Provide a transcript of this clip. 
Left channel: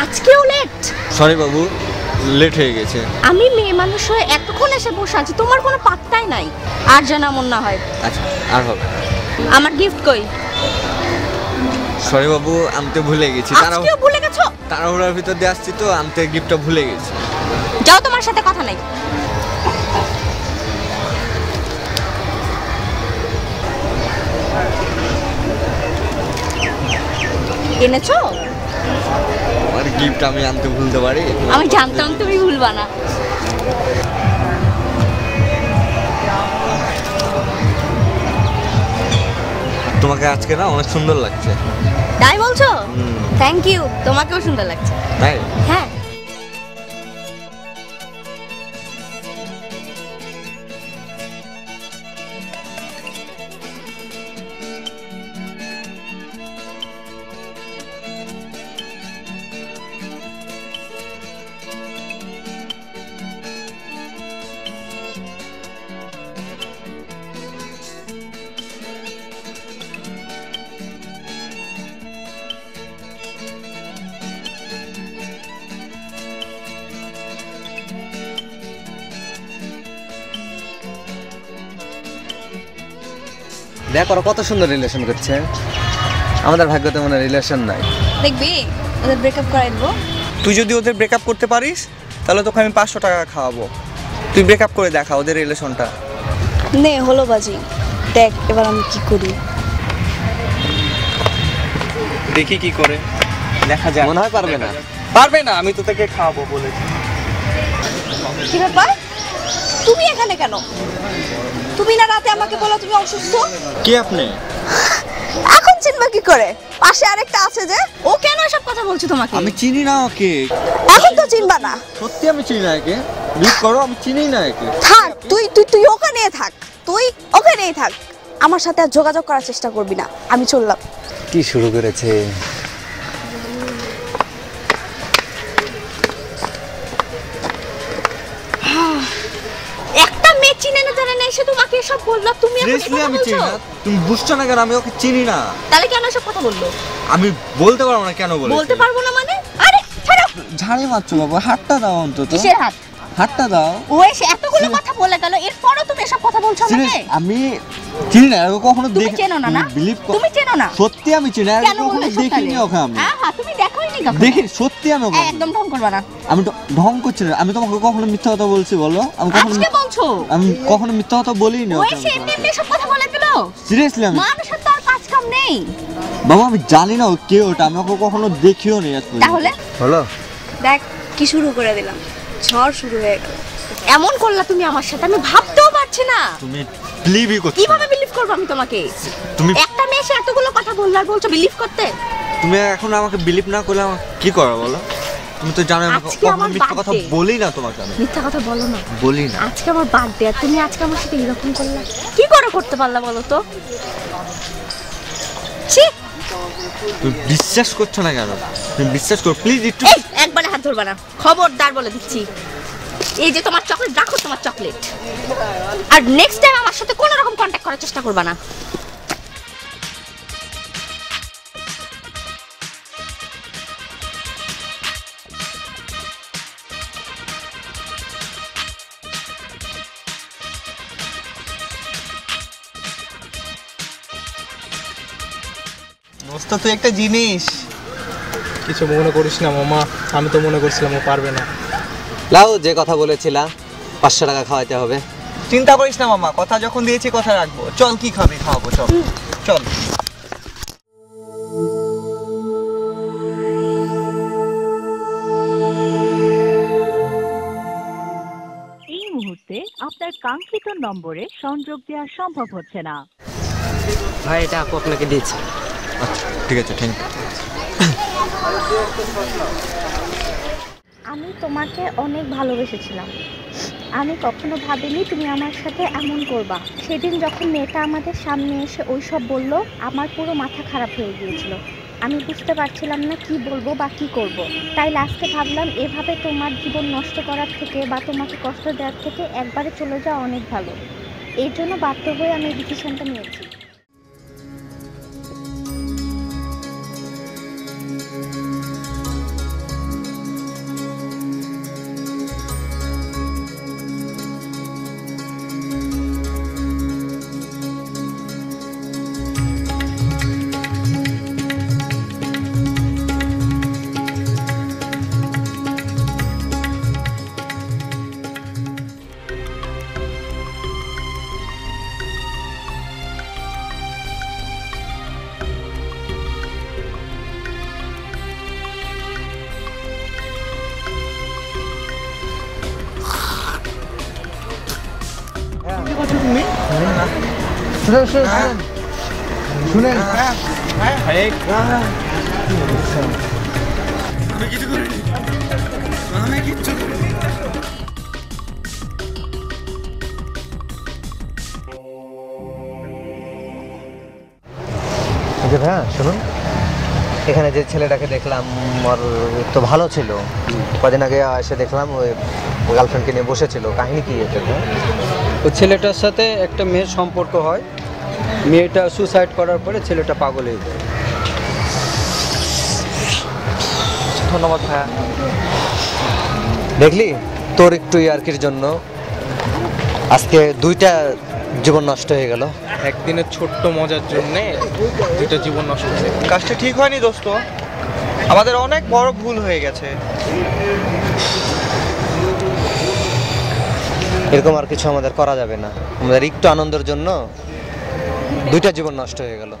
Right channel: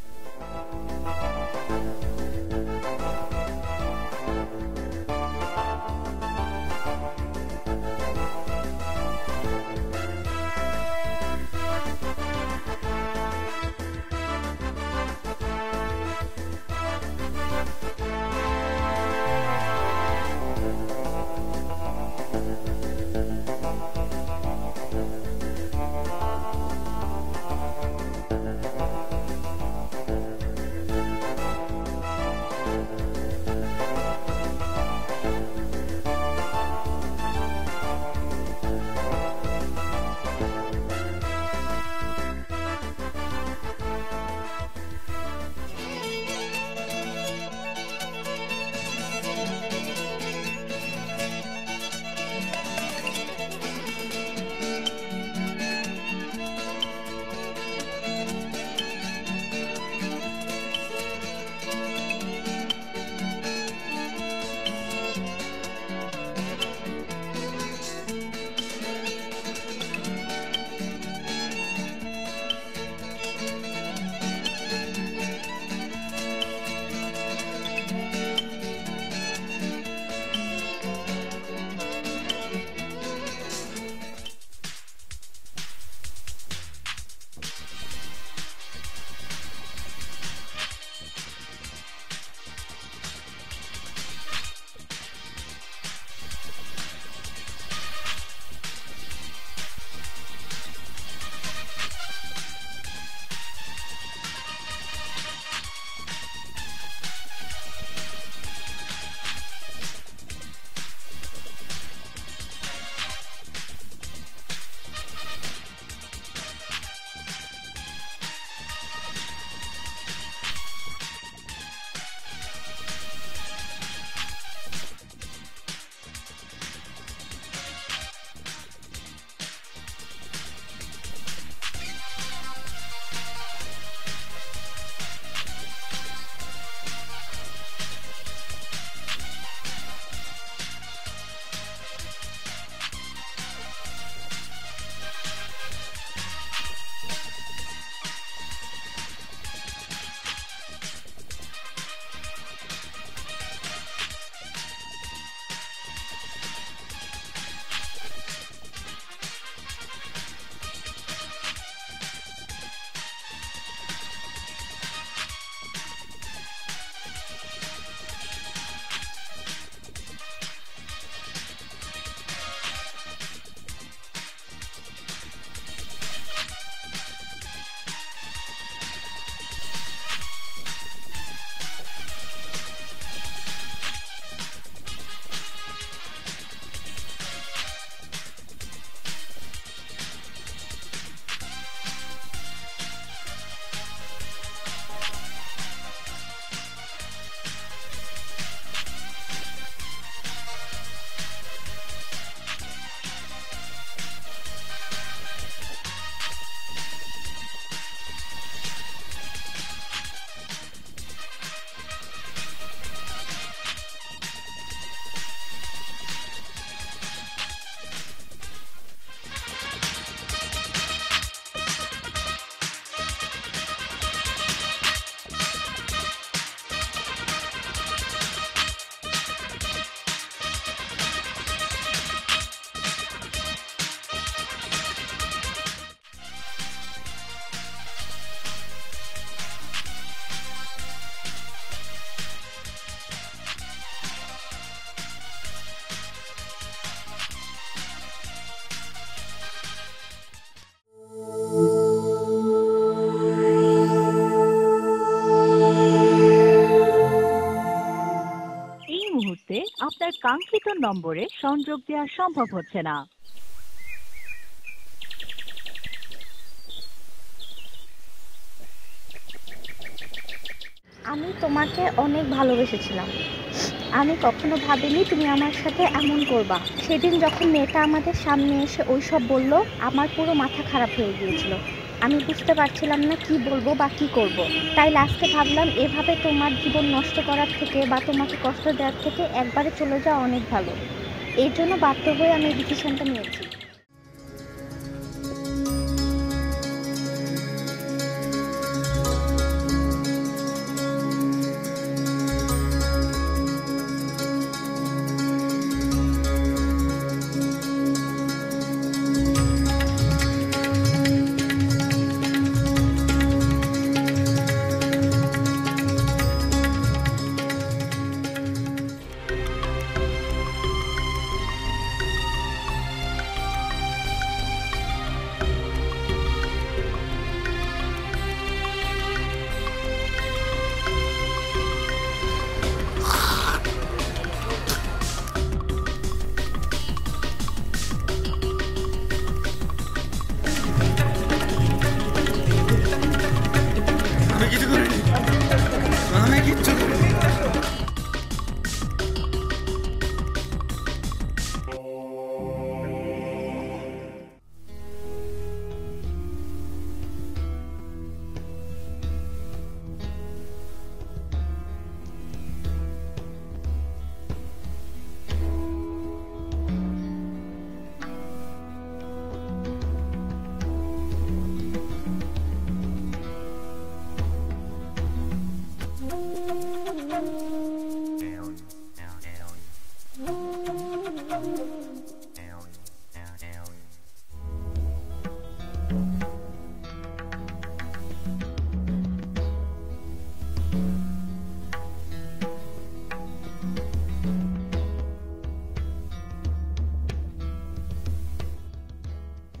আজকেও late sorry বাবু late হয়ে গেছে। আমি মেয়ে মানুষ হয়ে এতক্ষণ এসে বসে আছি তোমার কোনো পাত্তাই নাই। আর যেন এমন না হয়। আচ্ছা আর হবে আমার গিফট কই? সরি বাবু আনতে ভুলে গেছি। তারাও আজকেও ভুলে গেছো? তাড়াহুড়ার ভিতর দিয়ে আসছি তো আনতে গিফটটা ভুলে গেছি। যাও তোমার সাথে কথা নাই। এনেছো? গিফট আমি আনতে ভুলতে পারি? আমি জানতাম তুমি ভুলবা না। তোমাকে আজকে না অনেক সুন্দর লাগছে। তাই বলছো? থ্যাংক ইউ তোমাকেও সুন্দর লাগছে। তাই? হ্যাঁ। দেখ ওরা কত সুন্দর রিলেশন করছে। আমাদের ভাগ্যতে মনে রিলেশন নাই। দেখবি ওদের ব্রেকআপ করে দেবো। তুই যদি ওদের ব্রেকআপ করতে পারিস তাহলে তোকে আমি পাঁচশো টাকা খাওয়াবো। তুই ব্রেকআপ করে দেখা ওদের রিলেশনটা নে হলো বাজি। দেখ এবার আমি কি করি। দেখি কি করে। দেখা যায় মনে হয় পারবে না। পারবে না আমি তো তোকে খাওয়াবো বলে। কি ব্যাপার? তুমি এখানে কেন? তুমি না রাতে আমাকে বলো তুমি অসুস্থ? কে আপনি? এখন চিনবা কি করে? পাশে আরেকটা আছে যে ও কেন এসব কথা বলছো তোমাকে? আমি চিনি না ওকে। এখন তো চিনবা না। সত্যি আমি চিনি না একে। লিভ করো আমি চিনি না একে। থাক তুই তুই তুই ওখানেই থাক। তুই ওখানেই থাক। আমার সাথে আর যোগাযোগ করার চেষ্টা করবি না। আমি চললাম। কি শুরু করেছে? এসে এসব বলল? তুমি সিরিয়াসলি আমি চিনি না। তুমি বুঝছ না কেন? আমি ওকে চিনি না। তাহলে কেন এসব কথা বলল? আমি বলতে পারব না কেন বলে বলতে পারব না মানে? আরে ছাড়ো! ঝাড়ি মারছো বাবা হাতটা দাও অন্তত। কিসের হাত? হাতটা দাও। ও এসে এতগুলো কথা বলে গেল এরপরও তুমি এসব কথা বলছো আমাকে আমি চিনি না আমি কখনো তুমি দেখি চেনো না না? বিলিভ তুমি চেনো না? সত্যি আমি চিনি না কখনো দেখিনি ওকে আমি। দেখি সত্যি আমি ওকে একদম ঢং করবা না। আমি তো ঢং করছি না। আমি তোমাকে কখনো মিথ্যা কথা বলছি বলো? আমি কখনো আজকে বলছো? আমি কখনো মিথ্যা কথা বলিনি ও ওকে এমনি এমনি এসব কথা বলে দিল সিরিয়াসলি আমি? মানুষের তো আর কাজ কাম নেই। বাবা আমি জানি না ও কে ওটা। আমি ওকে কখনো দেখিও নি আজ পর্যন্ত। তাহলে? হলো? দেখ কি শুরু করে দিলাম। ঝড় শুরু হয়ে গেল। এমন করলা তুমি আমার সাথে আমি ভাবতেও পারছি না। তুমি বিলিভই করছ কীভাবে বিলিভ করব আমি তোমাকে? তুমি একটা মেয়ে এসে এতগুলো কথা বলল আর বলছো বিলিভ করতে? তুমি এখন আমাকে বিলিভ না করলে আমার কি করো বলো? তুমি তো জানো আমি কখনো মিথ্যা কথা। বলি না তোমাকে আমি। মিথ্যা কথা বলো না। বলি না। আজকে আমার বার্থডে আর তুমি আজকে আমার সাথে এরকম করলা? কি করে করতে পারলা বলো তো? ছি! তুমি বিশ্বাস করছ না কেন? তুমি বিশ্বাস করো প্লিজ একটু একবারে হাত ধরবা না। খবরদার বলে দিচ্ছি। এই যে তোমার চকলেট রাখো তোমার চকলেট আর নেক্সট টাইম আমার সাথে কোনো রকম কন্ট্যাক্ট করার চেষ্টা করবা না। দোস্ত তুই একটা জিনিস। কিছু মনে করিস না মামা। আমি তো মনে করছিলাম ও পারবে না। লাও যে কথা বলেছিলাম পাঁচশো টাকা খাওয়াতে হবে। চিন্তা করিস না মামা। কথা যখন দিয়েছি কথা রাখব। চল কি খাবি? খাওয়াবো চল। চল। এই মুহূর্তে আপনার কাঙ্ক্ষিত নম্বরে সংযোগ দেওয়া সম্ভব হচ্ছে না। ভাই এটা আপু আপনাকে দিয়েছি। আচ্ছা। ঠিক আছে থ্যাংক আমি তোমাকে অনেক ভালোবেসেছিলাম। আমি কখনো ভাবিনি তুমি আমার সাথে এমন করবা। সেদিন যখন মেয়েটা আমাদের সামনে এসে ওই সব বলল, আমার পুরো মাথা খারাপ হয়ে গিয়েছিল। আমি বুঝতে পারছিলাম না কি বলব বা কি করব। তাই লাস্টে ভাবলাম, এভাবে তোমার জীবন নষ্ট করার থেকে বা তোমাকে কষ্ট দেওয়ার থেকে একবারে চলে যাওয়া অনেক ভালো। এই জন্য বাধ্য হয়ে আমি এই ডিসিশনটা নিয়েছি। শুনেন শুনেন শুনেন। যে ভাইয়া শুনুন। এখানে যে ছেলেটাকে দেখলাম ওর তো ভালো ছিল। কদিন আগে এসে দেখলাম ওই গার্লফ্রেন্ডকে নিয়ে বসেছিল। কাহিনী কি এটা? ওই ছেলেটার সাথে একটা মেয়ের সম্পর্ক হয়। মেয়েটা সুসাইড করার পরে ছেলেটা পাগল হয়ে যায়। ধন্যবাদ ভাইয়া। দেখলি? তোর একটু ইয়ার্কির জন্য আজকে দুইটা জীবন নষ্ট হয়ে গেল। একদিনের ছোট্ট মজার জন্য দুইটা জীবন নষ্ট হয়ে হয়েছে কাজটা ঠিক হয়নি দোস্ত। আমাদের অনেক বড় ভুল হয়ে গেছে। এরকম আর কিছু আমাদের করা যাবে না। আমাদের একটু আনন্দের জন্য দুইটা জীবন নষ্ট হয়ে গেল।